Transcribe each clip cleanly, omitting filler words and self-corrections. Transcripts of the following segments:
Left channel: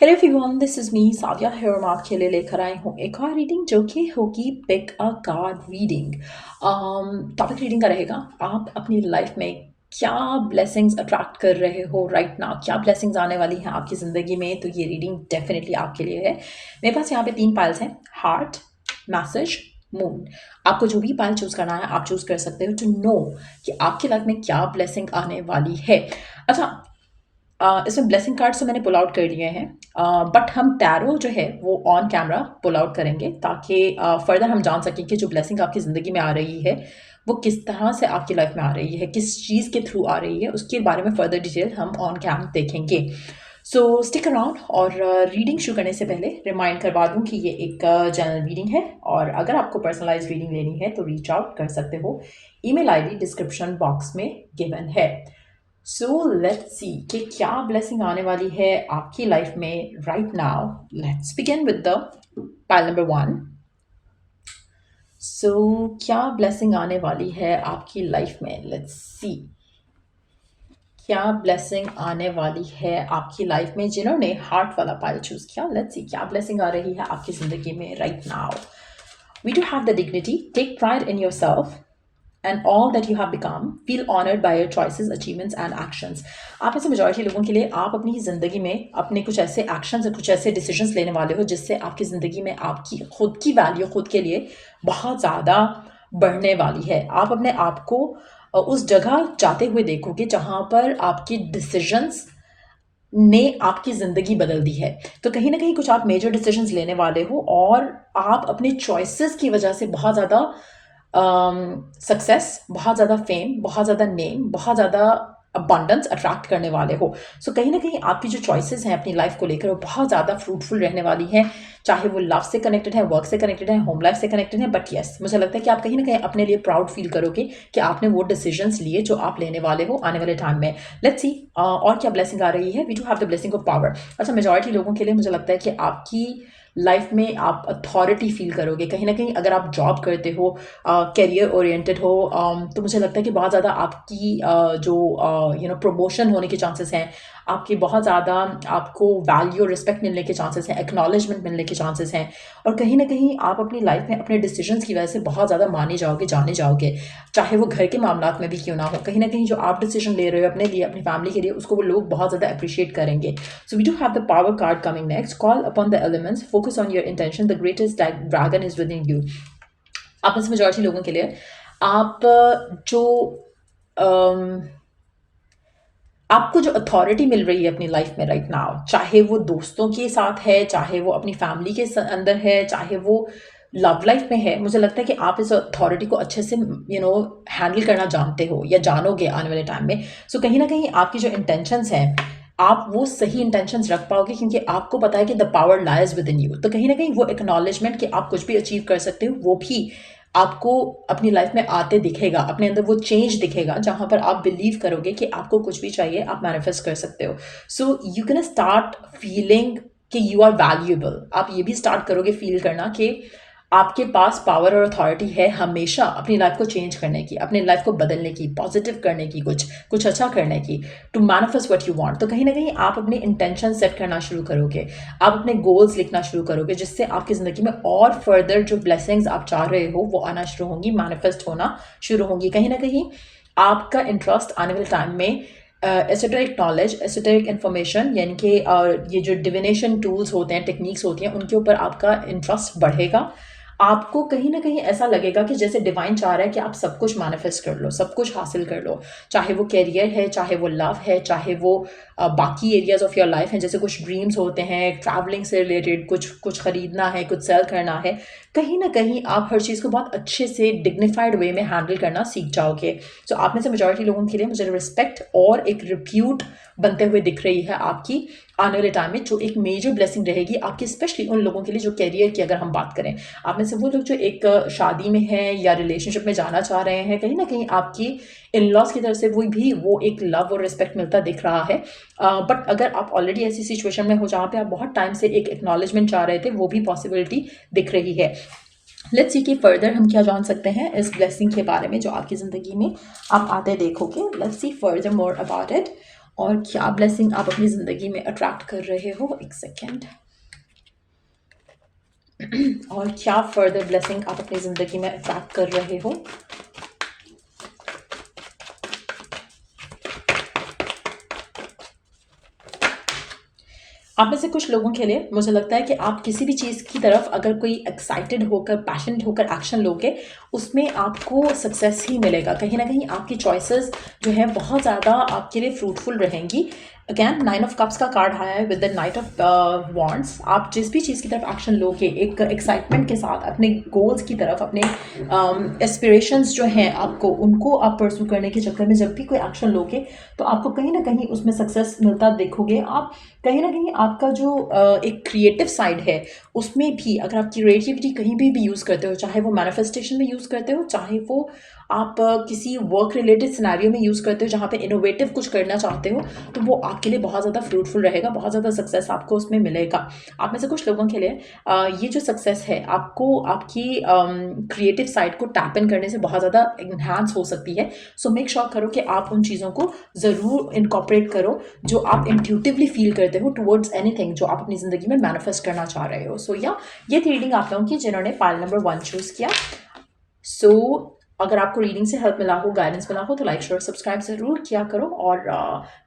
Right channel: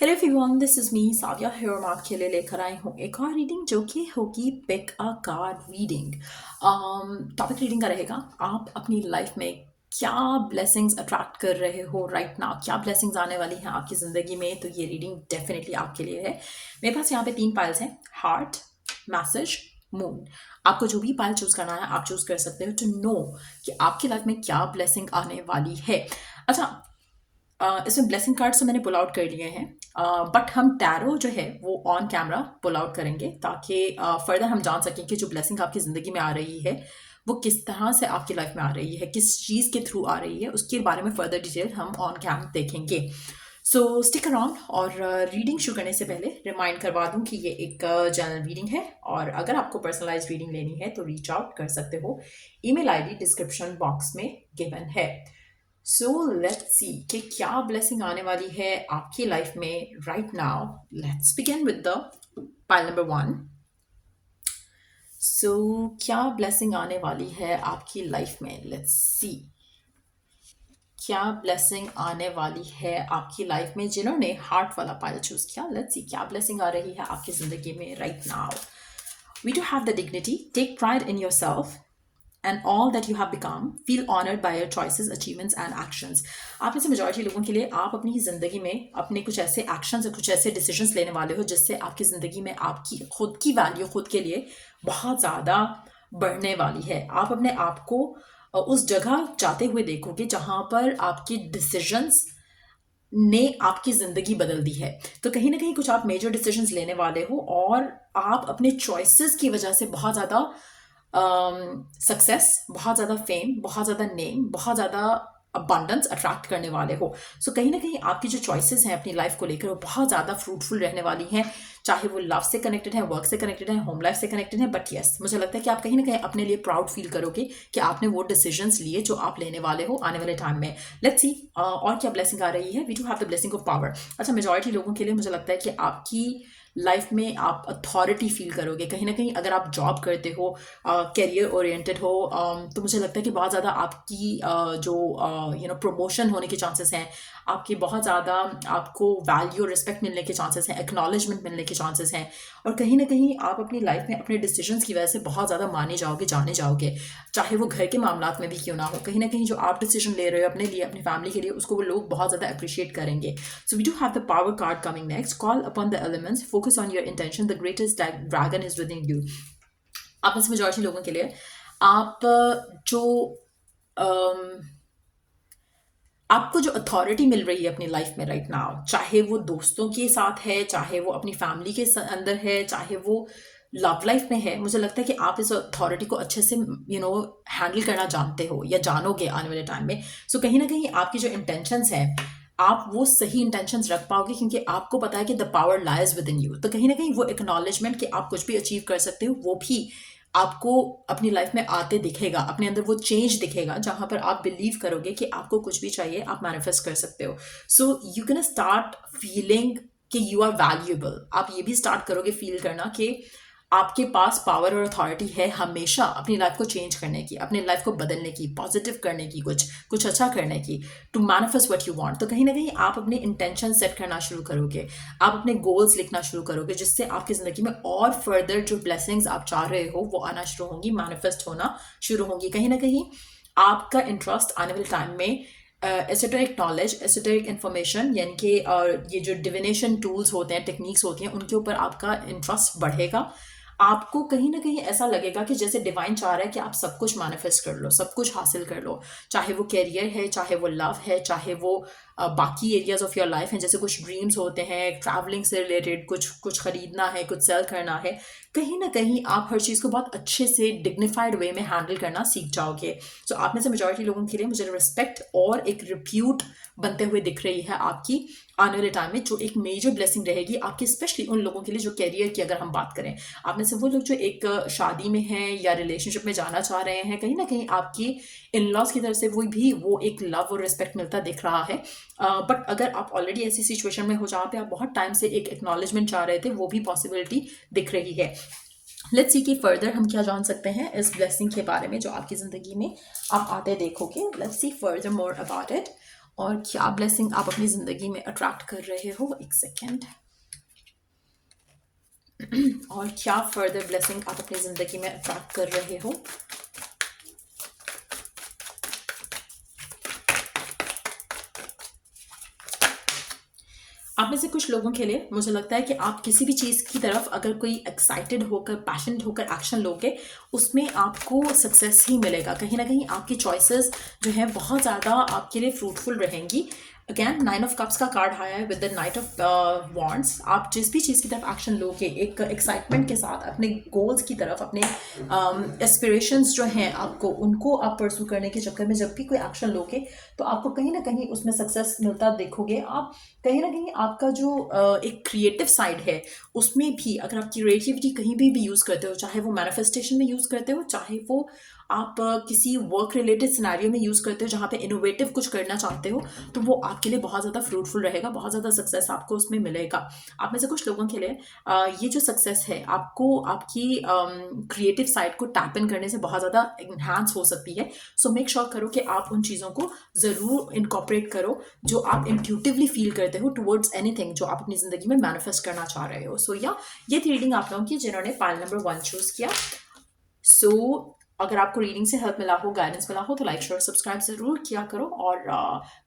Hello everyone, this is me Saviya है और मैं आपके लिए लेकर आई हूँ एक और रीडिंग जो कि होगी pick a card reading. Topic reading का रहेगा आप अपनी लाइफ में क्या ब्लेसिंग्स अट्रैक्ट कर रहे हो राइट नाउ, क्या ब्लेसिंग्स आने वाली हैं आपकी ज़िंदगी में। तो ये रीडिंग डेफिनेटली आपके लिए है। मेरे पास यहाँ पे 3 पाइल्स हैं, हार्ट, मैसेज, मून। आपको जो भी पाइल चूज करना है आप चूज कर सकते हो टू नो कि आपकी लाइफ में क्या ब्लेसिंग आने वाली है। अच्छा, इसमें ब्लेसिंग कार्ड्स तो मैंने पुल आउट कर लिए हैं, बट हम टैरो जो है वो ऑन कैमरा पुल आउट करेंगे ताकि फर्दर हम जान सकें कि जो ब्लेसिंग आपकी ज़िंदगी में आ रही है वो किस तरह से आपकी लाइफ में आ रही है, किस चीज़ के थ्रू आ रही है, उसके बारे में फर्दर डिटेल हम ऑन कैम देखेंगे। सो स्टिक अराउंड। और रीडिंग शुरू करने से पहले रिमाइंड करवा दूं कि ये एक जनरल रीडिंग है और अगर आपको पर्सनलाइज रीडिंग लेनी है तो रीच आउट कर सकते हो। ईमेल आईडी डिस्क्रिप्शन बॉक्स में गिवन है। सो लेट्स सी कि क्या ब्लेसिंग आने वाली है आपकी लाइफ में right now. Let's begin with the pile number 1। सो क्या ब्लेसिंग आने वाली है आपकी लाइफ में, लेट्स सी। क्या ब्लेसिंग आने वाली है आपकी लाइफ में जिन्होंने हार्ट वाला पाइल चूज किया। लेट्स सी क्या ब्लेसिंग आ रही है आपकी जिंदगी में right now. We do have the dignity, take pride in yourself and all that you have become, feel honored by your choices, achievements and actions। आप में से मेजॉरिटी लोगों के लिए आप अपनी ज़िंदगी में अपने कुछ ऐसे एक्शंस और कुछ ऐसे डिसीजंस लेने वाले हो जिससे आपकी ज़िंदगी में आपकी खुद की वैल्यू खुद के लिए बहुत ज़्यादा बढ़ने वाली है। आप अपने आप को उस जगह जाते हुए देखोगे जहाँ पर आपकी डिसीजंस ने आपकी ज़िंदगी बदल दी है। तो कहीं ना कहीं कुछ आप मेजर डिसीजंस लेने वाले हो और आप अपने चॉइसेस की वजह से बहुत ज़्यादा सक्सेस, बहुत ज़्यादा फेम, बहुत ज़्यादा नेम, बहुत ज़्यादा अबंडेंस अट्रैक्ट करने वाले हो। सो कहीं ना कहीं आपकी जो चॉइसेस हैं अपनी लाइफ को लेकर वो बहुत ज़्यादा फ्रूटफुल रहने वाली हैं, चाहे वो लव से कनेक्टेड है, वर्क से कनेक्टेड है, होम लाइफ से कनेक्टेड है। बट यस, मुझे लगता है कि आप कहीं ना कहीं अपने लिए प्राउड फील करोगे कि आपने वो डिसीजंस लिए जो आप लेने वाले हो आने वाले टाइम में। लेट्स सी और क्या ब्लेसिंग आ रही है। We do have the blessing of power. अच्छा, मेजॉरिटी लोगों के लिए मुझे लगता है कि आपकी लाइफ में आप अथॉरिटी फील करोगे कहीं ना कहीं। अगर आप जॉब करते हो, करियर ओरिएंटेड हो, तो मुझे लगता है कि बहुत ज़्यादा आपकी जो प्रमोशन होने के चांसेस हैं, आपकी बहुत ज़्यादा आपको वैल्यू रिस्पेक्ट मिलने के चांसेस हैं, एक्नॉलेजमेंट मिलने के चांसेस हैं। और कहीं ना कहीं आप अपनी लाइफ में अपने डिसीजंस की वजह से बहुत ज़्यादा माने जाओगे, जाने जाओगे, चाहे वो घर के मामलात में भी क्यों ना हो। कहीं ना कहीं जो आप डिसीजन ले रहे हो अपने लिए, अपनी फैमिली के लिए, उसको वो लोग बहुत ज़्यादा अप्रिशिएट करेंगे। So we do have the power card coming next. Call upon the elements, focus on your intention, the greatest dragon is within you. आप में से मेजॉरिटी लोगों के लिए आप जो अम, आपको जो अथॉरिटी मिल रही है अपनी लाइफ में राइट नाउ, चाहे वो दोस्तों के साथ है, चाहे वो अपनी फैमिली के अंदर है, चाहे वो लव लाइफ में है, मुझे लगता है कि आप इस अथॉरिटी को अच्छे से हैंडल करना जानते हो या जानोगे आने वाले टाइम में। सो कहीं ना कहीं आपकी जो इंटेंशंस हैं आप वो सही इंटेंशंस रख पाओगे क्योंकि आपको पता है कि the power lies with in you. तो कहीं ना कहीं वो एक्नॉलेजमेंट कि आप कुछ भी अचीव कर सकते हो वो भी आपको अपनी लाइफ में आते दिखेगा, अपने अंदर वो चेंज दिखेगा जहां पर आप बिलीव करोगे कि आपको कुछ भी चाहिए आप मैनिफेस्ट कर सकते हो। So you can start feeling कि यू आर वैल्यूएबल। आप ये भी स्टार्ट करोगे फील करना कि आपके पास पावर और अथॉरिटी है हमेशा अपनी लाइफ को चेंज करने की, अपनी लाइफ को बदलने की, पॉजिटिव करने की, कुछ कुछ अच्छा करने की, to manifest what you want. तो कहीं ना कहीं आप अपने इंटेंशन सेट करना शुरू करोगे, आप अपने गोल्स लिखना शुरू करोगे जिससे आपकी ज़िंदगी में और फर्दर जो ब्लेसिंग्स आप चाह रहे हो वो आना शुरू होंगी, मैनिफेस्ट होना शुरू होंगी। कहीं ना कहीं आपका इंटरेस्ट आने वाले टाइम में एसोटेरिक नॉलेज, एसोटेरिक इन्फॉर्मेशन, यानी कि ये जो डिविनेशन टूल्स होते हैं, टेक्निक्स होती हैं, उनके ऊपर आपका इंटरेस्ट बढ़ेगा। आपको कहीं ना कहीं ऐसा लगेगा कि जैसे डिवाइन चाह रहा है कि आप सब कुछ मैनिफेस्ट कर लो, सब कुछ हासिल कर लो, चाहे वो कैरियर है, चाहे वो लव है, चाहे वो बाकी एरियाज ऑफ योर लाइफ हैं। जैसे कुछ ड्रीम्स होते हैं ट्रैवलिंग से रिलेटेड, कुछ कुछ खरीदना है, कुछ सेल करना है। कहीं ना कहीं आप हर चीज़ को बहुत अच्छे से डिग्निफाइड वे में हैंडल करना सीख जाओगे। सो आप में से मेजॉरिटी लोगों के लिए मुझे रिस्पेक्ट और एक रिप्यूट बनते हुए दिख रही है आपकी आने वाले टाइम में, जो एक मेजर ब्लेसिंग रहेगी आपकी, स्पेशली उन लोगों के लिए जो कैरियर की अगर हम बात करें। आप में से वो लोग जो एक शादी में हैं या रिलेशनशिप में जाना चाह रहे हैं, कहीं ना कहीं आपकी इन लॉज की तरफ से वो एक लव और रिस्पेक्ट मिलता दिख रहा है। बट अगर आप ऑलरेडी ऐसी सिचुएशन में हो जहाँ पे आप बहुत टाइम से एक एक्नॉलेजमेंट चाह रहे थे, वो भी पॉसिबिलिटी दिख रही है। लेट्स सी कि फर्दर हम क्या जान सकते हैं इस ब्लेसिंग के बारे में जो आपकी ज़िंदगी में आप आते देखोगे। Let's see further more about it और क्या ब्लेसिंग आप अपनी ज़िंदगी में अट्रैक्ट कर रहे हो, एक सेकेंड। और क्या फर्दर ब्लेसिंग आप अपनी ज़िंदगी में अट्रैक्ट कर रहे हो। आप में से कुछ लोगों के लिए मुझे लगता है कि आप किसी भी चीज़ की तरफ अगर कोई एक्साइटेड होकर पैशनेट होकर एक्शन लोगे, उसमें आपको सक्सेस ही मिलेगा। कहीं ना कहीं आपकी चॉइसेस जो है बहुत ज़्यादा आपके लिए फ्रूटफुल रहेंगी। अगैन 9 ऑफ कप्स का कार्ड आया है with the knight of wands. आप जिस भी चीज़ की तरफ एक्शन लोगे एक एक्साइटमेंट के साथ अपने गोल्स की तरफ, अपने एस्पिरेशंस जो हैं आपको उनको आप परस्यू करने के चक्कर में जब भी कोई एक्शन लोगे तो आपको कहीं ना कहीं उसमें सक्सेस मिलता देखोगे। आप कहीं ना कहीं आपका जो एक क्रिएटिव साइड है उसमें भी अगर आप क्रिएटिविटी कहीं भी यूज़ करते हो, चाहे वो मैनिफेस्टेशन में यूज़ करते हो, चाहे वो आप किसी वर्क रिलेटेड सिनेरियो में यूज़ करते हो जहाँ पे इनोवेटिव कुछ करना चाहते हो, तो वो आपके लिए बहुत ज़्यादा फ्रूटफुल रहेगा, बहुत ज़्यादा सक्सेस आपको उसमें मिलेगा। आप में से कुछ लोगों के लिए ये जो सक्सेस है आपको आपकी क्रिएटिव साइड को टैप इन करने से बहुत ज़्यादा इन्हांस हो सकती है। सो मेक श्योर करो कि आप उन चीज़ों को ज़रूर इनकॉर्पोरेट करो जो आप इंट्यूटिवली फील करते हो टुवर्ड्स एनीथिंग जो आप अपनी ज़िंदगी में मैनिफेस्ट करना चाह रहे हो। सो या ये थी रीडिंग आप लोगों की जिन्होंने पाइल नंबर 1 चूज़ किया। सो अगर आपको रीडिंग से हेल्प मिला हो, गाइडेंस मिला हो, तो लाइक शेयर सब्सक्राइब जरूर किया करो और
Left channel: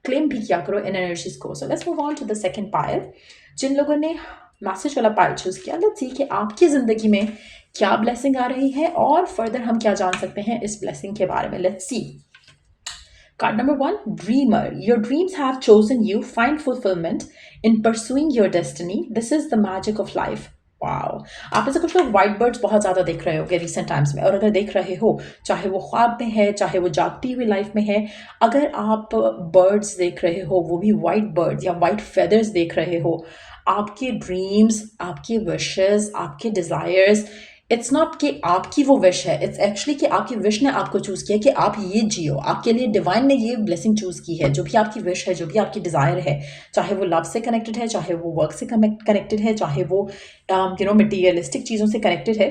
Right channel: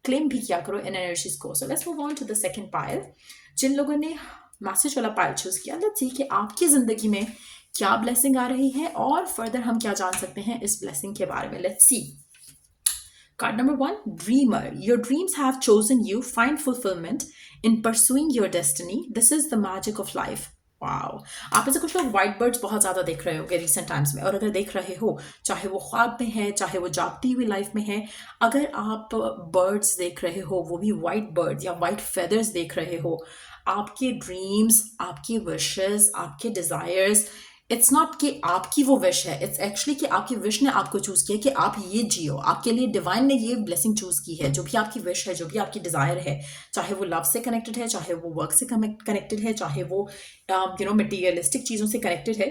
क्लेम भी किया करो इन एनर्जीज को। So let's move on to the second pile. जिन लोगों ने मैसेज वाला पाइल चूज किया, लेट्स सी कि आपकी जिंदगी में क्या ब्लेसिंग आ रही है और फर्दर हम क्या जान सकते हैं इस ब्लेसिंग के बारे में। Let's see. Card number 1, Dreamer. Your dreams have chosen you. Find fulfillment in pursuing your destiny. This is the magic of life. Wow, आप में से कुछ लोग वाइट बर्ड्स बहुत ज़्यादा देख रहे होगे रिसेंट टाइम्स में, और अगर देख रहे हो चाहे वो ख्वाब में है चाहे वो जागती हुई लाइफ में है, अगर आप बर्ड्स देख रहे हो वो भी वाइट बर्ड्स या वाइट फेदर्स देख रहे हो, आपके ड्रीम्स, आपकी विशेस, आपके डिज़ायर्स, इट्स नॉट कि आपकी वो विश है, इट्स एक्चुअली कि आपकी विश ने आपको चूज़ किया कि आप ये जियो। आपके लिए डिवाइन ने ये ब्लेसिंग चूज़ की है। जो भी आपकी विश है, जो भी आपकी डिज़ायर है, चाहे वो लव से कनेक्टेड है, चाहे वो वर्क से कनेक्टेड है, चाहे वो मटीरियलिस्टिक चीज़ों से कनेक्टेड है,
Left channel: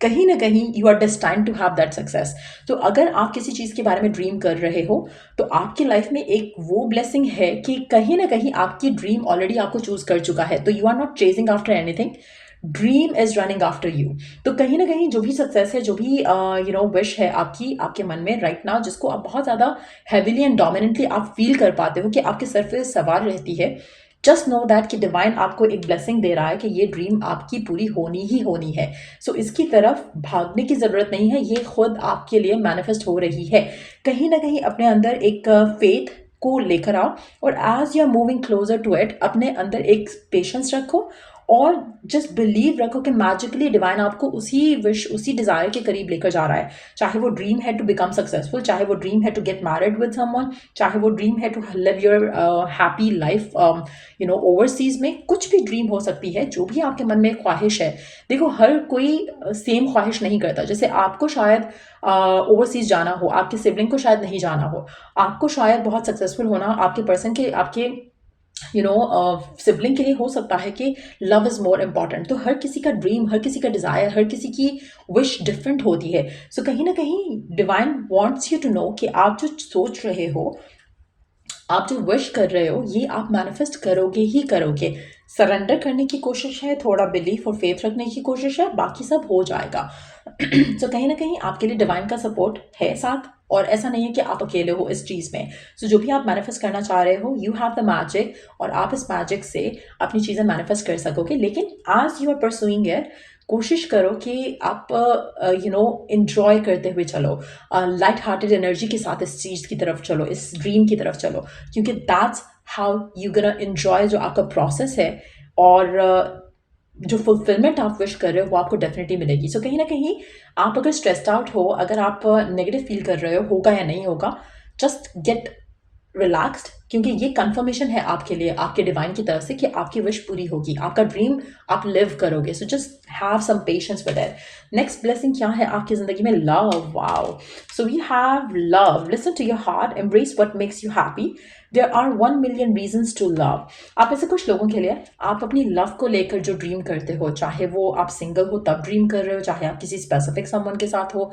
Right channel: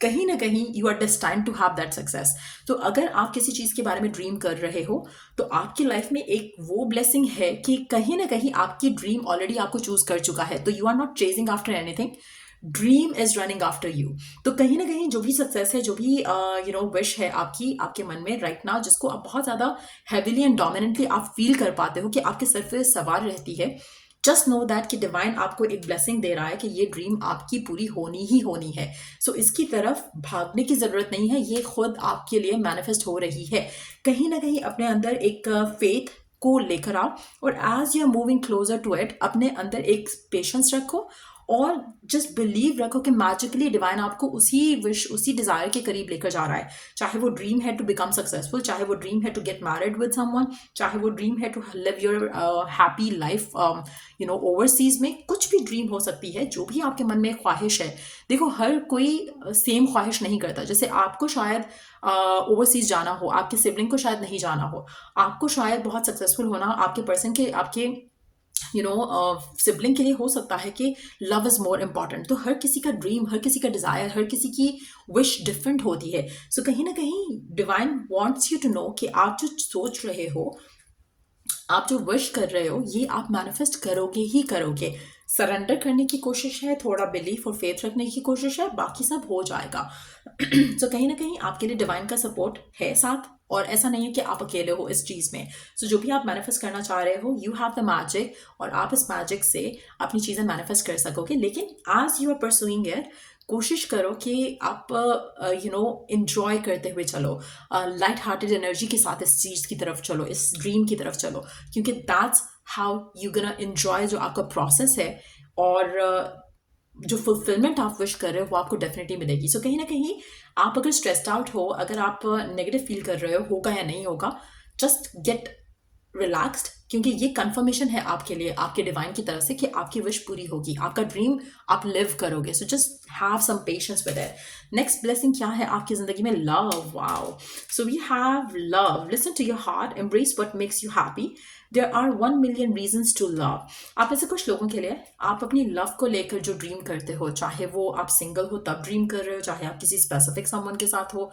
कहीं ना कहीं you are destined to have that success. तो अगर आप किसी चीज़ के बारे में ड्रीम कर रहे हो तो आपकी लाइफ में एक वो ब्लेसिंग है कि कहीं ना कहीं आपकी ड्रीम ऑलरेडी आपको चूज कर चुका है। तो you are not chasing after anything, dream is running after you. तो कहीं ना कहीं जो भी सक्सेस है, जो भी विश है आपकी आपके मन में राइट नाउ, जिसको आप बहुत ज़्यादा हैविली एंड डोमिनेंटली आप फील कर पाते हो कि आपके सर पे सवार रहती है, जस्ट नो दैट कि डिवाइन आपको एक ब्लेसिंग दे रहा है कि ये ड्रीम आपकी पूरी होनी ही होनी है। सो इसकी तरफ भागने की ज़रूरत नहीं है, ये खुद आपके लिए मैनिफेस्ट हो रही है। कहीं ना कहीं अपने अंदर एक फेथ को लेकर आओ और as you are moving closer to it अपने अंदर एक पेशेंस रखो और जस्ट बिलीव रखो कि मैजिकली डिवाइन आपको उसी विश, उसी डिज़ायर के करीब लेकर जा रहा है। चाहे वो ड्रीम है टू बिकम सक्सेसफुल, चाहे वो ड्रीम है to get married with someone, चाहे वो ड्रीम है to live your happy life overseas में, कुछ भी ड्रीम हो सकती है। जो भी आपके मन में ख्वाहिश है, देखो हर कोई सेम ख्वाहिश नहीं करता। जैसे आपको शायद ओवरसीज जाना हो, आपके सिबलिंग को शायद नहीं जाना हो, आपको शायद बहुत सक्सेसफुल होना आपके पर्सन के, आपके सिबलिंग के लिए हो सकता है कि लव इज़ मोर इम्पॉर्टेंट। तो हर किसी का ड्रीम, हर किसी का डिज़ायर, हर किसी की विश डिफरेंट होती है। सो कहीं ना कहीं divine wants you to know कि आप जो सोच रहे हो, आप जो विश कर रहे हो, ये आप मैनिफेस्ट करोगे ही करोगे। सरेंडर करने की कोशिश है, थोड़ा बिलीफ और फेथ रखने की कोशिश है, बाकी सब हो जाएगा। तो कहीं ना कहीं आपके लिए डिवाइन का सपोर्ट है साथ, और ऐसा नहीं है कि आप अकेले हो इस चीज़ में। सो जो भी आप मैनिफेस्ट करना चाह रहे हो, यू हैव द मैजिक, और आप इस मैजिक से अपनी चीज़ें मैनिफेस्ट कर सकोगे। लेकिन आज यू आर परसुइंग इट, कोशिश करो कि आप इंजॉय करते हुए चलो, लाइट हार्टेड एनर्जी के साथ इस चीज़ की तरफ चलो, इस ड्रीम की तरफ चलो, क्योंकि that's how you gonna enjoy जो आपका प्रोसेस है, और जो फुलफिलमेंट आप विश कर रहे हो वो आपको डेफिनेटली मिलेगी। सो कहीं ना कहीं आप अगर स्ट्रेस्ड आउट हो, अगर आप नेगेटिव फील कर रहे हो होगा या नहीं होगा, जस्ट गेट रिलैक्स्ड, क्योंकि ये कंफर्मेशन है आपके लिए, आपके डिवाइन की तरफ से, कि आपकी विश पूरी होगी, आपका ड्रीम आप लिव करोगे। So just have some patience with it. Next blessing क्या है आपकी ज़िंदगी में? Love. Wow, so we have love. Listen to your heart, embrace what makes you happy, there are 1 million reasons to love. आप ऐसे कुछ लोगों के लिए, आप अपनी लव को लेकर जो ड्रीम करते हो, चाहे वो आप सिंगल हो तब ड्रीम कर रहे हो, चाहे आप किसी स्पेसिफिक समवन के साथ हो,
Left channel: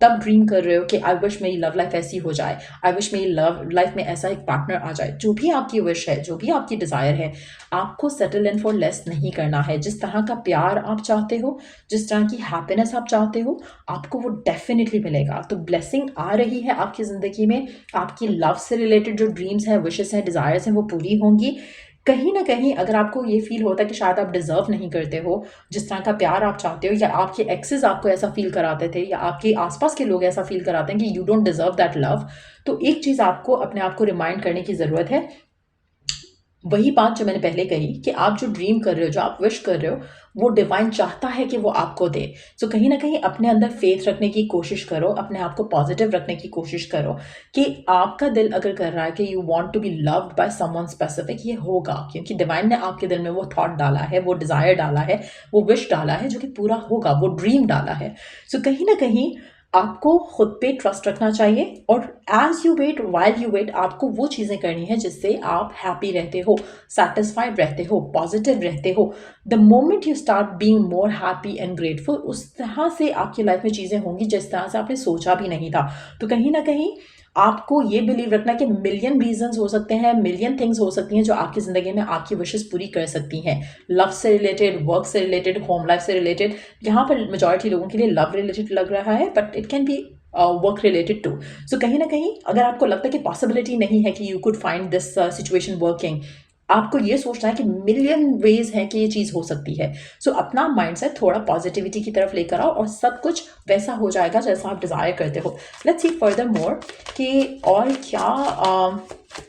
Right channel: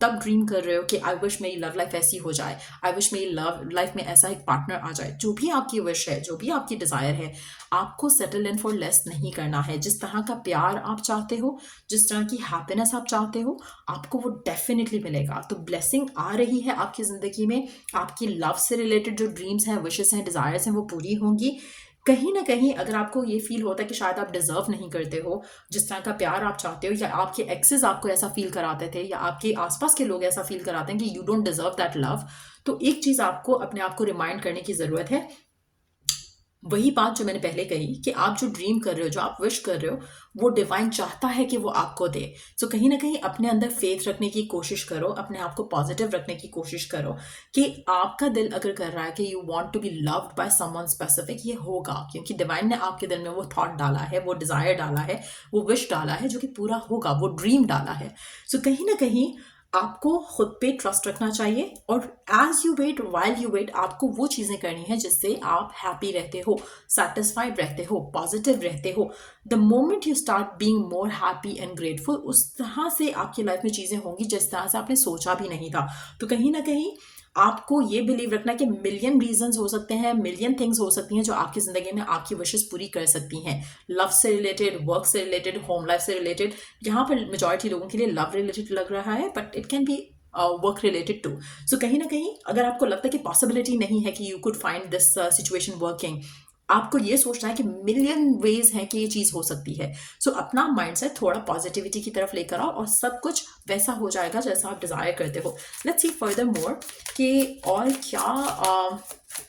तब ड्रीम कर रहे हो कि आई विश मेरी लव लाइफ ऐसी हो जाए, आई विश मेरी लव लाइफ में ऐसा एक पार्टनर आ जाए। जो भी आपकी विश है, जो भी आपकी डिज़ायर है, आपको सेटल इन फॉर लेस नहीं करना है। जिस तरह का प्यार आप चाहते हो, जिस तरह की हैप्पीनेस आप चाहते हो, आपको वो डेफिनेटली मिलेगा। तो ब्लेसिंग आ रही है आपकी ज़िंदगी में, आपकी लव से रिलेटेड जो ड्रीम्स हैं, विशेस हैं, डिज़ायर्स हैं, वो पूरी होंगी। कहीं ना कहीं अगर आपको ये फील होता है कि शायद आप डिजर्व नहीं करते हो जिस तरह का प्यार आप चाहते हो, या आपके एक्सेस आपको ऐसा फील कराते थे, या आपके आसपास के लोग ऐसा फील कराते हैं कि you don't deserve that love, तो एक चीज़ आपको अपने आप को रिमाइंड करने की ज़रूरत है। वही बात जो मैंने पहले कही कि आप जो ड्रीम कर रहे हो, जो आप विश कर रहे हो, वो डिवाइन चाहता है कि वो आपको दे। सो कहीं ना कहीं अपने अंदर फेथ रखने की कोशिश करो, अपने आप को पॉजिटिव रखने की कोशिश करो कि आपका दिल अगर कर रहा है कि you want to be loved by someone specific, ये होगा, क्योंकि डिवाइन ने आपके दिल में वो थॉट डाला है, वो डिज़ायर डाला है, वो विश डाला है, जो कि पूरा होगा, वो ड्रीम डाला है। सो कहीं ना कहीं आपको खुद पे ट्रस्ट रखना चाहिए, और as you wait, while you wait, आपको वो चीज़ें करनी है जिससे आप हैप्पी रहते हो, सेटिस्फाइड रहते हो, पॉजिटिव रहते हो। The moment you start being more happy and grateful, उस तरह से आपकी लाइफ में चीज़ें होंगी जिस तरह से आपने सोचा भी नहीं था। तो कहीं ना कहीं आपको ये बिलीव रखना कि मिलियन रीजंस हो सकते हैं, मिलियन थिंग्स हो सकती हैं जो आपकी ज़िंदगी में आपकी विशेस पूरी कर सकती हैं। लव से रिलेटेड, वर्क से रिलेटेड, होम लाइफ से रिलेटेड। यहाँ पर मेजॉरिटी लोगों के लिए लव रिलेटेड लग रहा है, but it can be work related too. So कहीं ना कहीं अगर आपको लगता है कि पॉसिबिलिटी नहीं है कि you could find this situation working, आपको ये सोचना है कि मिलियन वेज हैं कि ये चीज़ हो सकती है। सो अपना माइंडसेट थोड़ा पॉजिटिविटी की तरफ लेकर आओ और सब कुछ वैसा हो जाएगा जैसा आप डिज़ायर करते हो। लेट्स सी फर्दर मोर कि और क्या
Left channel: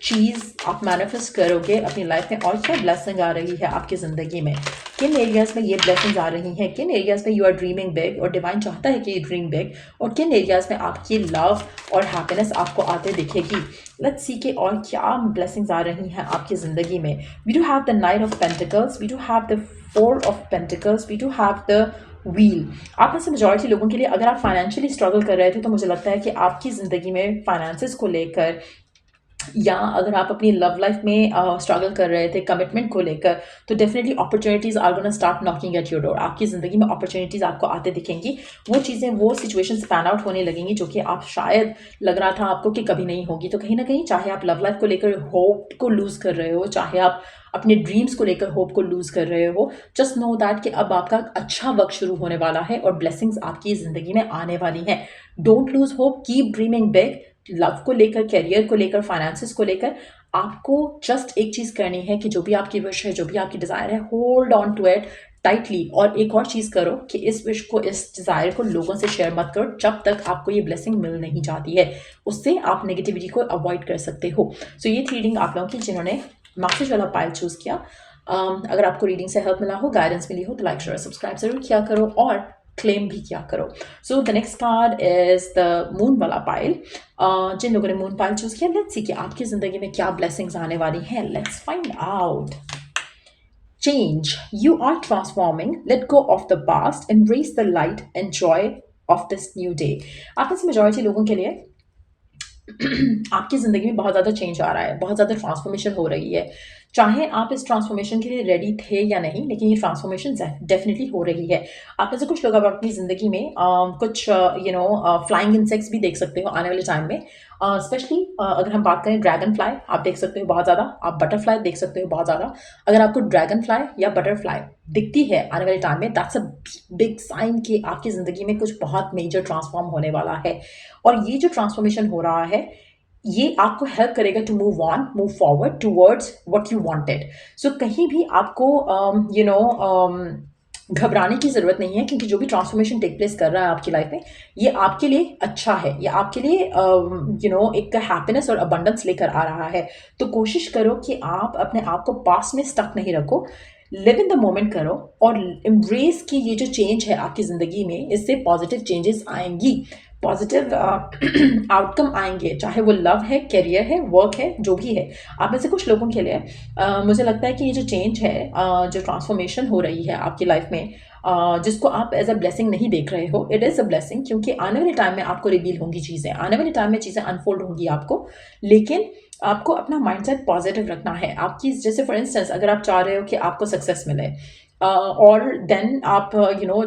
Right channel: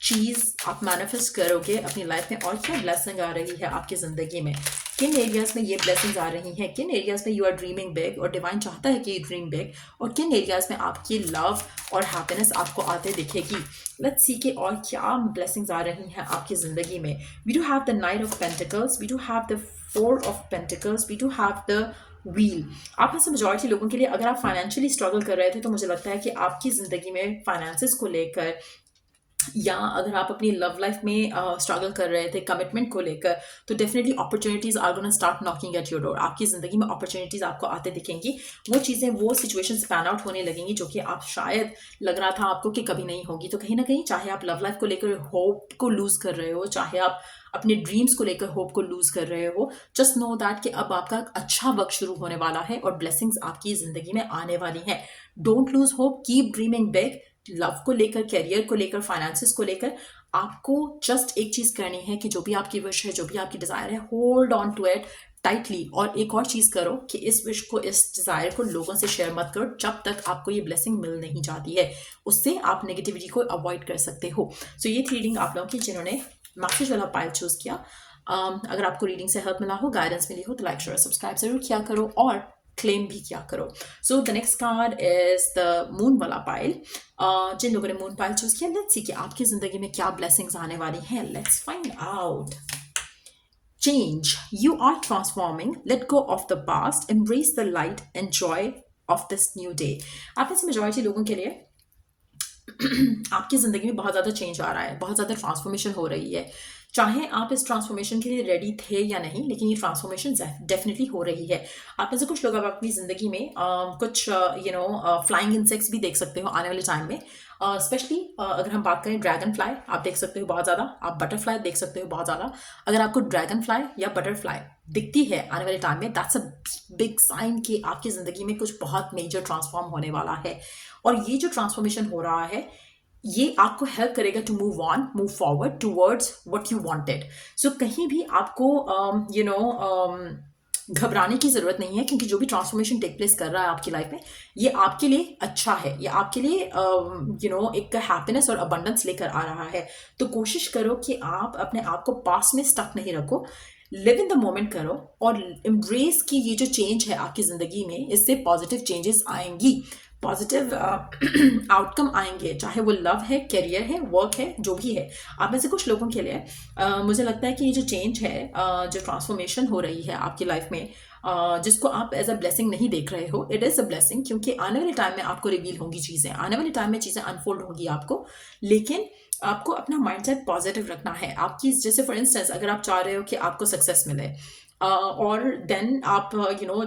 चीज़ आप मैनिफेस्ट करोगे अपनी लाइफ में, और क्या ब्लेसिंग आ रही है आपकी ज़िंदगी में, किन एरियाज़ में ये ब्लेसिंग्स आ रही हैं, किन एरियाज़ में यू आर ड्रीमिंग बिग और डिवाइन चाहता है कि यू ड्रीम बिग, और किन एरियाज़ में आपकी लव और हैप्पीनेस आपको आते दिखेगी। लेट्स सी कि और क्या ब्लेसिंग्स आ रही हैं आपकी ज़िंदगी में। We do have the knight of pentacles, we do have the 4 of pentacles, we do have the wheel. आप में से मेजॉरिटी लोगों के लिए अगर आप फाइनेंशियली स्ट्रगल कर रहे थे तो मुझे लगता है कि आपकी ज़िंदगी में फाइनेंसेस को लेकर, या अगर आप अपनी लव लाइफ में स्ट्रगल कर रहे थे कमिटमेंट को लेकर, तो definitely opportunities are gonna start knocking at your door. आपकी ज़िंदगी में अपॉर्चुनिटीज़ आपको आते दिखेंगी, वो चीज़ें, वो सिचुएशंस पैन आउट होने लगेंगी जो कि आप शायद लग रहा था आपको कि कभी नहीं होगी। तो कहीं ना कहीं चाहे आप लव लाइफ को लेकर होप को लूज़ कर रहे हो, चाहे आप अपने ड्रीम्स को लेकर होप को लूज़ कर रहे हो, जस्ट नो दैट कि अब आपका अच्छा वक्त शुरू होने वाला है और ब्लेसिंग्स आपकी ज़िंदगी में आने वाली हैं। Don't lose hope, keep dreaming big. Love को लेकर, करियर को लेकर, फाइनेंसेस को लेकर आपको जस्ट एक चीज़ करनी है कि जो भी आपकी विश है, जो भी आपकी डिज़ायर है, hold on to it tightly. और एक और चीज़ करो कि इस विश को, इस डिज़ायर को लोगों से शेयर मत करो जब तक आपको ये ब्लेसिंग मिल नहीं जाती है। उससे आप नेगेटिविटी को अवॉइड कर सकते हो। सो ये थी रीडिंग आप लोगों की जिन्होंने मैसेज वाला पाइल चूज़ किया। अगर आपको रीडिंग से हेल्प मिला हो, गाइडेंस मिली हो, तो लाइक शेयर सब्सक्राइब जरूर किया करो और क्लेम भी किया करो। So the next card is the moon वाला पाइल। जिन लोगों ने मून पाइल चूज किया, लेट्स सी कि आपकी जिंदगी में क्या ब्लेसिंग्स आने वाली हैं। Let's find out. Change. You are transforming. Let go of the past. Embrace the light and joy of this new day. आप में से मेजॉरिटी लोगों के लिए आपकी ज़िंदगी में बहुत ज़्यादा चेंज आ रहा है, बहुत ज़्यादा ट्रांसफॉर्मेशन हो रही है। चाहे आप इस ट्रांसफॉर्मेशन के लिए रेडी थे या नहीं, लेकिन ये ट्रांसफॉर्मेशन डेफिनेटली हो रही है। आप में से कुछ लोग अब अपनी ज़िंदगी में कुछ फ्लाइंग इंसेक्ट्स भी देख सकते हो आने वाले टाइम में। स्पेशली अगर हम बात करें ड्रैगन फ्लाई, आप देख सकते हो बहुत ज़्यादा। आप बटरफ्लाई देख सकते हो बहुत ज़्यादा। अगर आपको ड्रैगन फ्लाई या बटरफ्लाई दिखती है आने वाले टाइम में, दैट्स अ बिग साइन कि आपकी ज़िंदगी में कुछ बहुत मेजर ट्रांसफॉर्म होने वाला है। और ये जो ट्रांसफॉर्मेशन हो रहा है, ये आपको हेल्प करेगा to move on, move forward towards what you wanted. So कहीं भी आपको घबराने की ज़रूरत नहीं है, क्योंकि जो भी ट्रांसफॉर्मेशन टेक प्लेस कर रहा है आपकी लाइफ में, ये आपके लिए अच्छा है, ये आपके लिए एक हैप्पीनेस और अबंडेंस लेकर आ रहा है। तो कोशिश करो कि आप अपने आप को पास में स्टक नहीं रखो, लिव इन द मोमेंट करो और एम्ब्रेस की ये जो चेंज है आपकी ज़िंदगी में, इससे पॉजिटिव चेंजेस आएंगी, पॉजिटिव आउटकम आएंगे, चाहे वो लव है, करियर है, वर्क है, जो भी है। आप में से कुछ लोगों के लिए मुझे लगता है कि ये जो चेंज है, जो ट्रांसफॉर्मेशन हो रही है आपकी लाइफ में, जिसको आप एज अ ब्लेसिंग नहीं देख रहे हो, इट इज़ अ ब्लेसिंग, क्योंकि आने वाले टाइम में आपको रिवील होंगी चीज़ें, आने वाले टाइम में चीज़ें अनफोल्ड होंगी आपको। लेकिन आपको अपना माइंडसेट पॉजिटिव रखना है। आपकी, जैसे फॉर इंस्टेंस, अगर आप चाह रहे हो कि आपको सक्सेस मिले, और देन आप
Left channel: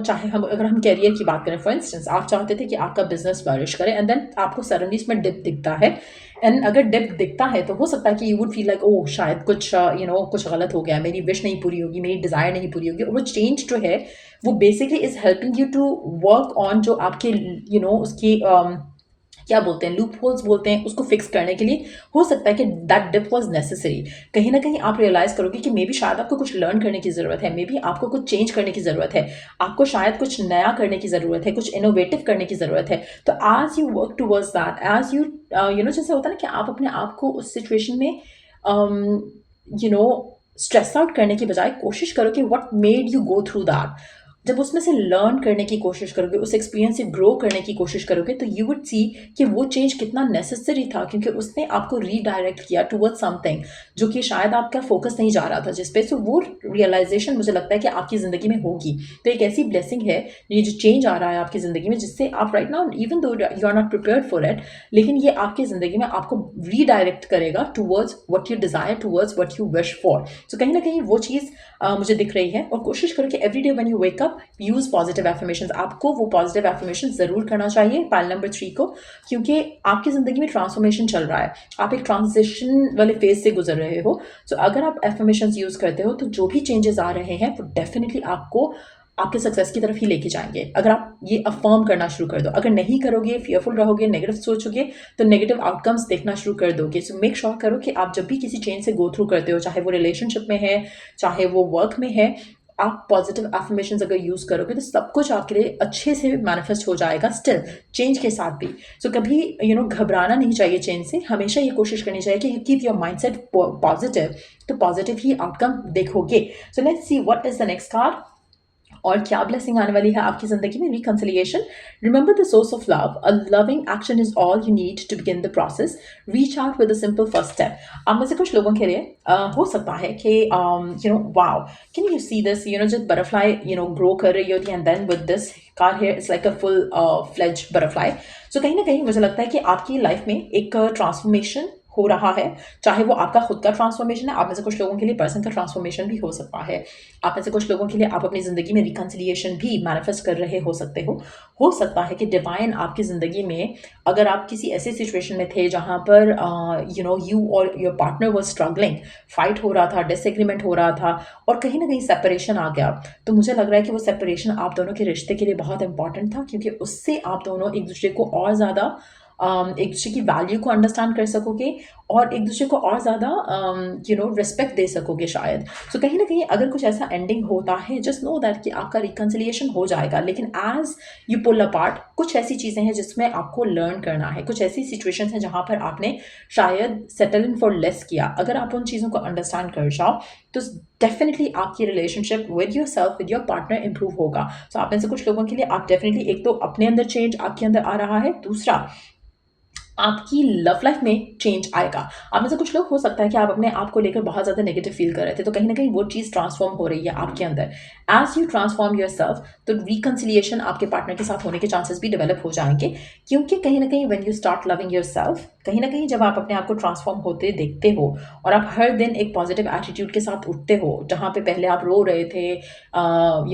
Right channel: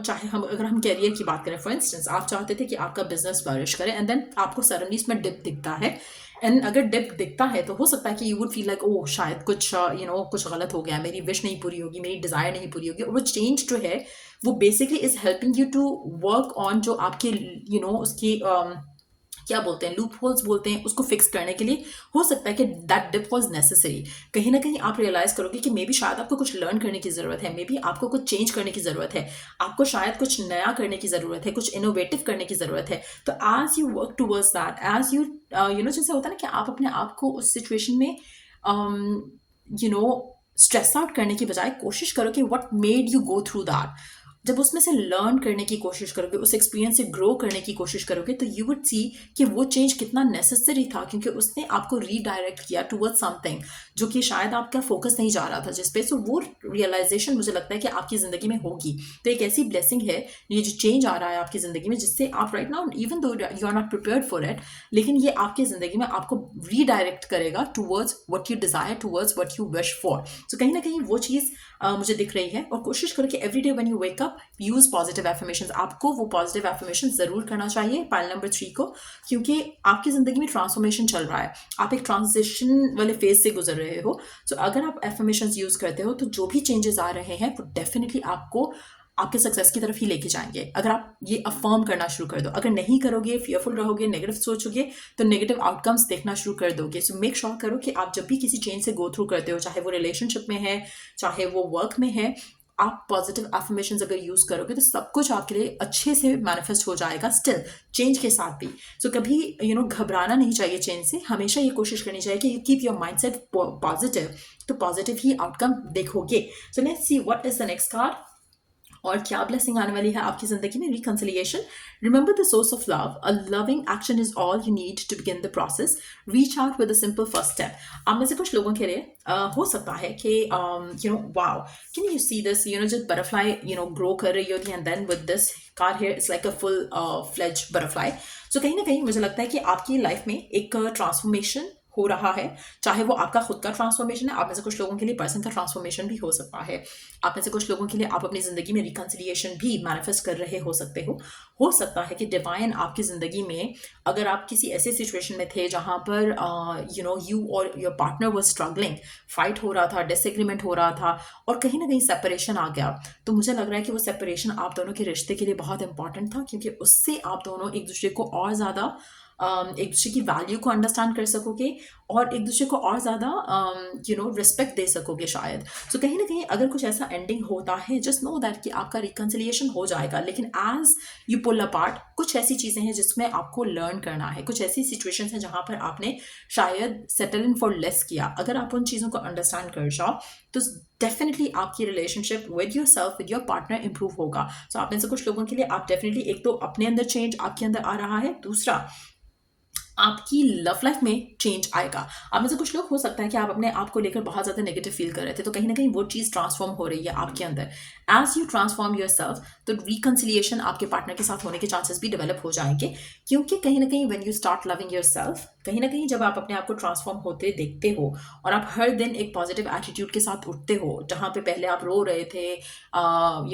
चाहे हम अगर हम कैरियर की बात करें, फॉर इंस्टेंस आप चाहते थे कि आपका बिजनेस फ्लरिश करे एंड देन आपको सडनली इसमें डिप दिखता है, एंड अगर डिप दिखता है तो हो सकता है कि you would feel like oh शायद कुछ कुछ गलत हो गया, मेरी विश नहीं पूरी होगी, मेरी डिज़ायर नहीं पूरी होगी। और वो चेंज जो है वो basically is helping you to work on जो आपके उसकी क्या बोलते हैं, लूप होल्स बोलते हैं, उसको फिक्स करने के लिए हो सकता है कि दैट डिप वॉज नेसेसरी। कहीं ना कहीं आप रियलाइज करोगे कि मे बी शायद आपको कुछ लर्न करने की ज़रूरत है, मे बी आपको कुछ चेंज करने की ज़रूरत है, आपको शायद कुछ नया करने की ज़रूरत है, कुछ इनोवेटिव करने की ज़रूरत है। तो as you work towards that, as you जैसे होता है ना कि आप अपने आप को उस सिचुएशन में स्ट्रेस आउट करने की बजाय कोशिश करो कि what made you go through that. जब उसमें से लर्न करने की कोशिश करोगे, उस एक्सपीरियंस से ग्रो करने की कोशिश करोगे, तो यू वुड सी कि वो चेंज कितना नेसेसरी था, क्योंकि उसने आपको रीडायरेक्ट किया टुवर्ड्स समथिंग जो कि शायद आपका फोकस नहीं जा रहा था जिस पे। सो वो रियलाइजेशन मुझे लगता है कि आपकी ज़िंदगी में होगी। तो एक ऐसी ब्लेसिंग है ये जो चेंज आ रहा है आपकी ज़िंदगी में, जिससे आप right now even though you are not prepared for it, लेकिन ये आपकी ज़िंदगी में आपको रीडायरेक्ट करेगा towards what you desire, towards what you wish for. So कहीं ना कहीं वो चीज़ मुझे दिख रही है। और कोशिश करो कि every day when you wake up use positive affirmations. आपको वो पॉजिटिव एफर्मेशन जरूर करना चाहिए पाइल नंबर 3 को, क्योंकि आपकी जिंदगी में ट्रांसफॉर्मेशन चल रहा है, आप एक ट्रांजिशन वाले फेज से गुजर रहे हो। सो अगर आप एफर्मेशंस यूज करते हो तो जो भी चेंजेस आ रहे हैं वो डेफिनेटली आपको आपके सक्सेस की तरफ ही लेके जाएंगे। अगर आप ये अफर्म करना शुरू कर दो, अगर नहीं करोगे, फियरफुल रहोगे, नेगेटिव सोचोगे, तो नेगेटिव आउटकम्स देखना शुरू कर दोगे। सो मेक श्योर करो कि आप जब भी किसी चेंज से गो थ्रू करते हो, चाहे वो रिलेशनशिप में है, चाहे वो वर्क में है, आप पॉजिटिव एफर्मेशंस अगर यूज करोगे तो सब कुछ आपके लिए अच्छे से मैनिफेस्ट हो जाएगा, स्टिल चेंज के साथ भी। सो कभी घबराना नहीं चाहिए चेंज से, हमेशा ये कोशिश करनी चाहिए कि you keep your mindset positive, तो पॉजिटिव ही आउटकम देखोगे। So let's see what is the next card, और क्या ब्लेसिंग आने वाली है आपकी जिंदगी में। Reconciliation, remember the source of love, a loving action is all you need to begin the process, reach out with a simple first step. आप में से कुछ लोगों के लिए हो सकता है कि wow, can you see this, जब बटरफ्लाई ग्रो कर रही होती है, and then with this car here it's like a full fledge butterfly. So कहीं ना कहीं मुझे लगता है कि आपकी लाइफ में एक ट्रांसफॉर्मेशन हो रहा है, चाहे वो आपका खुद का ट्रांसफॉर्मेशन है, आप में से कुछ लोगों के लिए पर्सन का ट्रांसफॉर्मेशन भी हो सकता है, आप में से कुछ लोगों के लिए आप अपनी ज़िंदगी में रिकंसिलिएशन भी मैनिफेस्ट कर रहे हो सकते हो सकता है कि डिवाइन आपकी ज़िंदगी में, अगर आप किसी ऐसे सिचुएशन में थे जहाँ पर यू और your partner was struggling, fight हो रहा था, डिसएग्रीमेंट हो रहा था, और कहीं ना कहीं सेपरेशन आ गया, तो मुझे लग रहा है कि वो सेपरेशन आप दोनों के रिश्ते के लिए बहुत इंपॉर्टेंट था, क्योंकि उससे आप दोनों एक दूसरे को और ज़्यादा एक दूसरे की वैल्यू को अंडरस्टैंड कर सकोगे, और एक दूसरे को और ज़्यादा रिस्पेक्ट दे सकोगे शायद। सो कहीं ना कहीं अगर कुछ ऐसा एंडिंग होता है, जस्ट नो दैट कि आपका रिकंसिलिएशन हो जाएगा, लेकिन एज यू पुल अपार्ट कुछ ऐसी चीज़ें हैं जिसमें आपको लर्न करना है, कुछ ऐसी सिचुएशंस हैं जहाँ पर आपने शायद सेटल इन फॉर लेस किया। अगर आप उन चीज़ों को अंडरस्टैंड कर जाओ तो डेफिनेटली आपकी relationship with your self, with your partner improve होगा। सो आप में से कुछ लोगों के लिए आप डेफिनेटली, एक तो अपने अंदर चेंज आपके अंदर आ रहा है, दूसरा आपकी लव लाइफ में चेंज आएगा। आप में से कुछ लोग हो सकता है कि आप अपने आप को लेकर बहुत ज़्यादा नेगेटिव फील कर रहे थे, तो कहीं ना कहीं वो चीज़ ट्रांसफॉर्म हो रही है आपके अंदर। As you transform yourself, तो रिकंसिलिएशन आपके पार्टनर के साथ होने के चांसेस भी डेवलप हो जाएंगे, क्योंकि कहीं ना कहीं when you start loving your self, कहीं ना कहीं जब आप अपने आप को ट्रांसफॉर्म होते देखते हो और आप हर दिन एक पॉजिटिव एटीट्यूड के साथ उठते हो, जहाँ पे पहले आप रो रहे थे,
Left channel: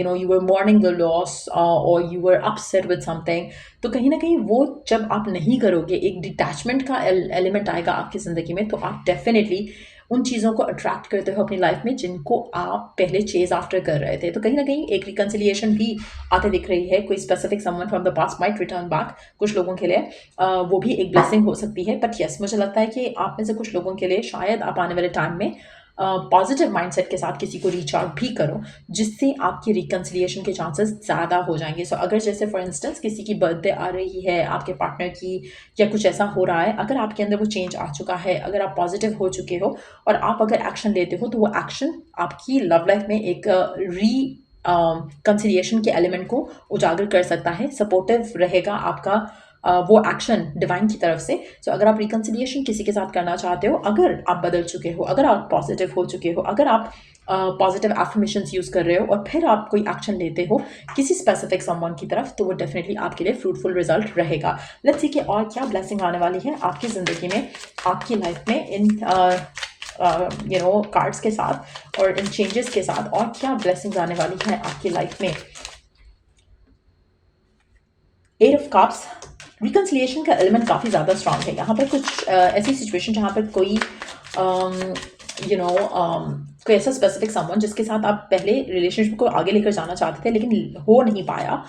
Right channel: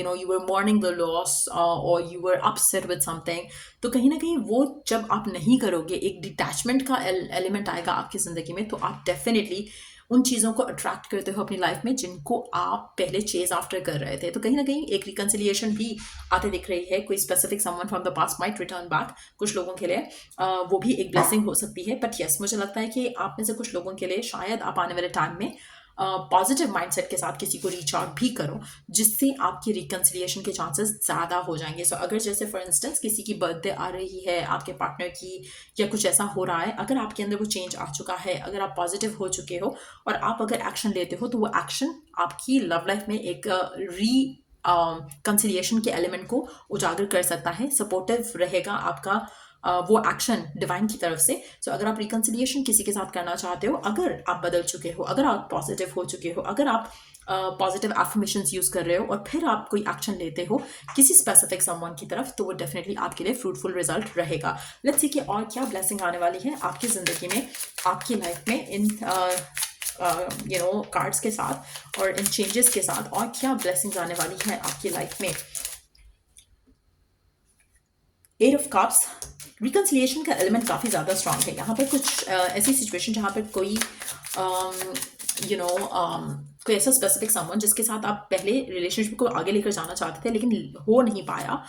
you were mourning the loss और you were upset with something, तो कहीं ना कहीं वो जब आप नहीं करोगे, एक डिटैचमेंट का एलिमेंट आएगा आपकी ज़िंदगी में, तो आप डेफिनेटली उन चीज़ों को अट्रैक्ट करते हो अपनी लाइफ में जिनको आप पहले चेज आफ्टर कर रहे थे। तो कहीं ना कहीं एक रिकंसिलिएशन भी आते दिख रही है, कोई specific someone from the past might return back, कुछ लोगों के लिए वो भी एक ब्लेसिंग हो सकती है। बट यस, मुझे लगता है कि आप में से कुछ लोगों के लिए शायद आप आने वाले टाइम में पॉजिटिव माइंडसेट के साथ किसी को रीच आउट भी करो, जिससे आपकी रिकंसिलिएशन के चांसेस ज़्यादा हो जाएंगे। सो अगर जैसे फॉर इंस्टेंस किसी की बर्थडे आ रही है आपके पार्टनर की, या कुछ ऐसा हो रहा है, अगर आपके अंदर वो चेंज आ चुका है, अगर आप पॉजिटिव हो चुके हो और आप अगर एक्शन लेते हो, तो वो एक्शन आपकी लव लाइफ में एक कंसिलिएशन के एलिमेंट को उजागर कर सकता है, सपोर्टिव रहेगा आपका वो एक्शन डिवाइन की तरफ से। सो अगर आप रिकंसिलिएशन किसी के साथ करना चाहते हो, अगर आप बदल चुके हो, अगर आप पॉजिटिव हो चुके हो, अगर आप पॉजिटिव एफर्मेशंस यूज कर रहे हो और फिर आप कोई एक्शन लेते हो किसी स्पेसिफिक समवन की तरफ, तो वो डेफिनेटली आपके लिए फ्रूटफुल रिजल्ट रहेगा। लेट्स सी कि और क्या ब्लेसिंग आने वाली है आपकी जिंदगी में, आपकी लाइफ में इन कार्ड्स के साथ और इन चेंजेस के साथ, और क्या ब्लेसिंग्स आने वाली हैं आपकी लाइफ में। एट ऑफ कप्स, रिकन्सिलिएशन का एलिमेंट काफ़ी ज़्यादा स्ट्रांग है यहाँ पर। कुछ ऐसी सिचुएशन जहाँ पर कोई कोई ऐसा स्पेसिफिक समवन जिसके साथ आप पहले रिलेशनशिप को आगे लेकर जाना चाहते थे लेकिन हो नहीं पाया।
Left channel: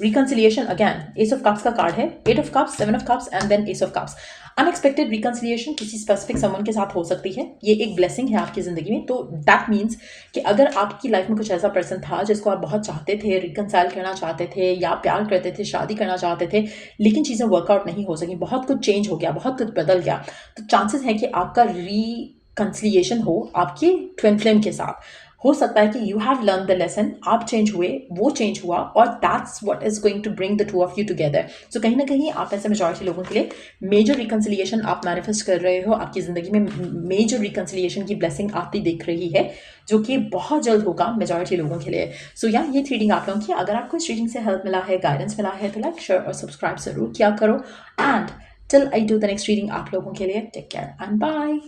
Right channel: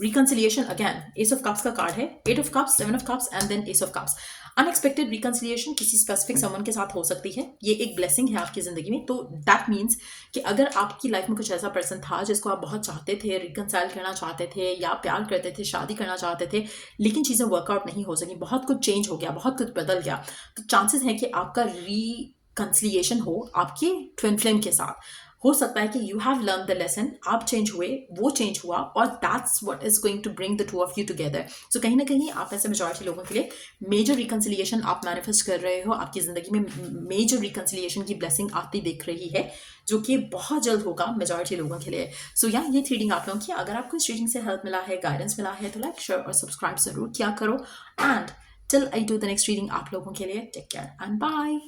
Reconciliation again, ace of cups का कार्ड है, eight of cups, seven of cups and then ace of cups. Unexpected reconciliation किसी स्पेसिफिक समवन के साथ हो सकती है, ये एक ब्लेसिंग है आपकी ज़िंदगी में। तो दैट मीन्स कि अगर आपकी लाइफ में कुछ ऐसा पर्सन था जिसको आप बहुत चाहते थे, रिकन्साइल करना चाहते थे या प्यार करते थे, शादी करना चाहते थे, लेकिन चीज़ें वर्कआउट नहीं हो सकी, बहुत कुछ चेंज हो गया, बहुत कुछ बदल गया, तो चांसेस हैं कि आपका रिकन्सिलिएशन हो आपके ट्विन फ्लेम के साथ। हो सकता है कि you have learn the lesson, आप चेंज हुए, वो चेंज हुआ, और that's what is going to bring the two of you together. So कहीं ना कहीं आप ऐसे मेजॉरिटी लोगों के लिए मेजर रिकन्सिलिएशन आप मैनिफेस्ट कर रहे हो, आपकी ज़िंदगी में मेजर रिकन्सिलिएशन की ब्लेसिंग आती दिख रही है, जो कि बहुत जल्द होगा मेजॉरिटी लोगों के लिए। सो ये थी रीडिंग आप लोगों की। अगर आपको इस रीडिंग से हेल्प मिला है, गाइडेंस मिला है, तो लाइक, शेयर और सब्सक्राइब जरूर किया करो। And till I do the next reading आप लोगों के लिए, टेक केयर एंड बाय।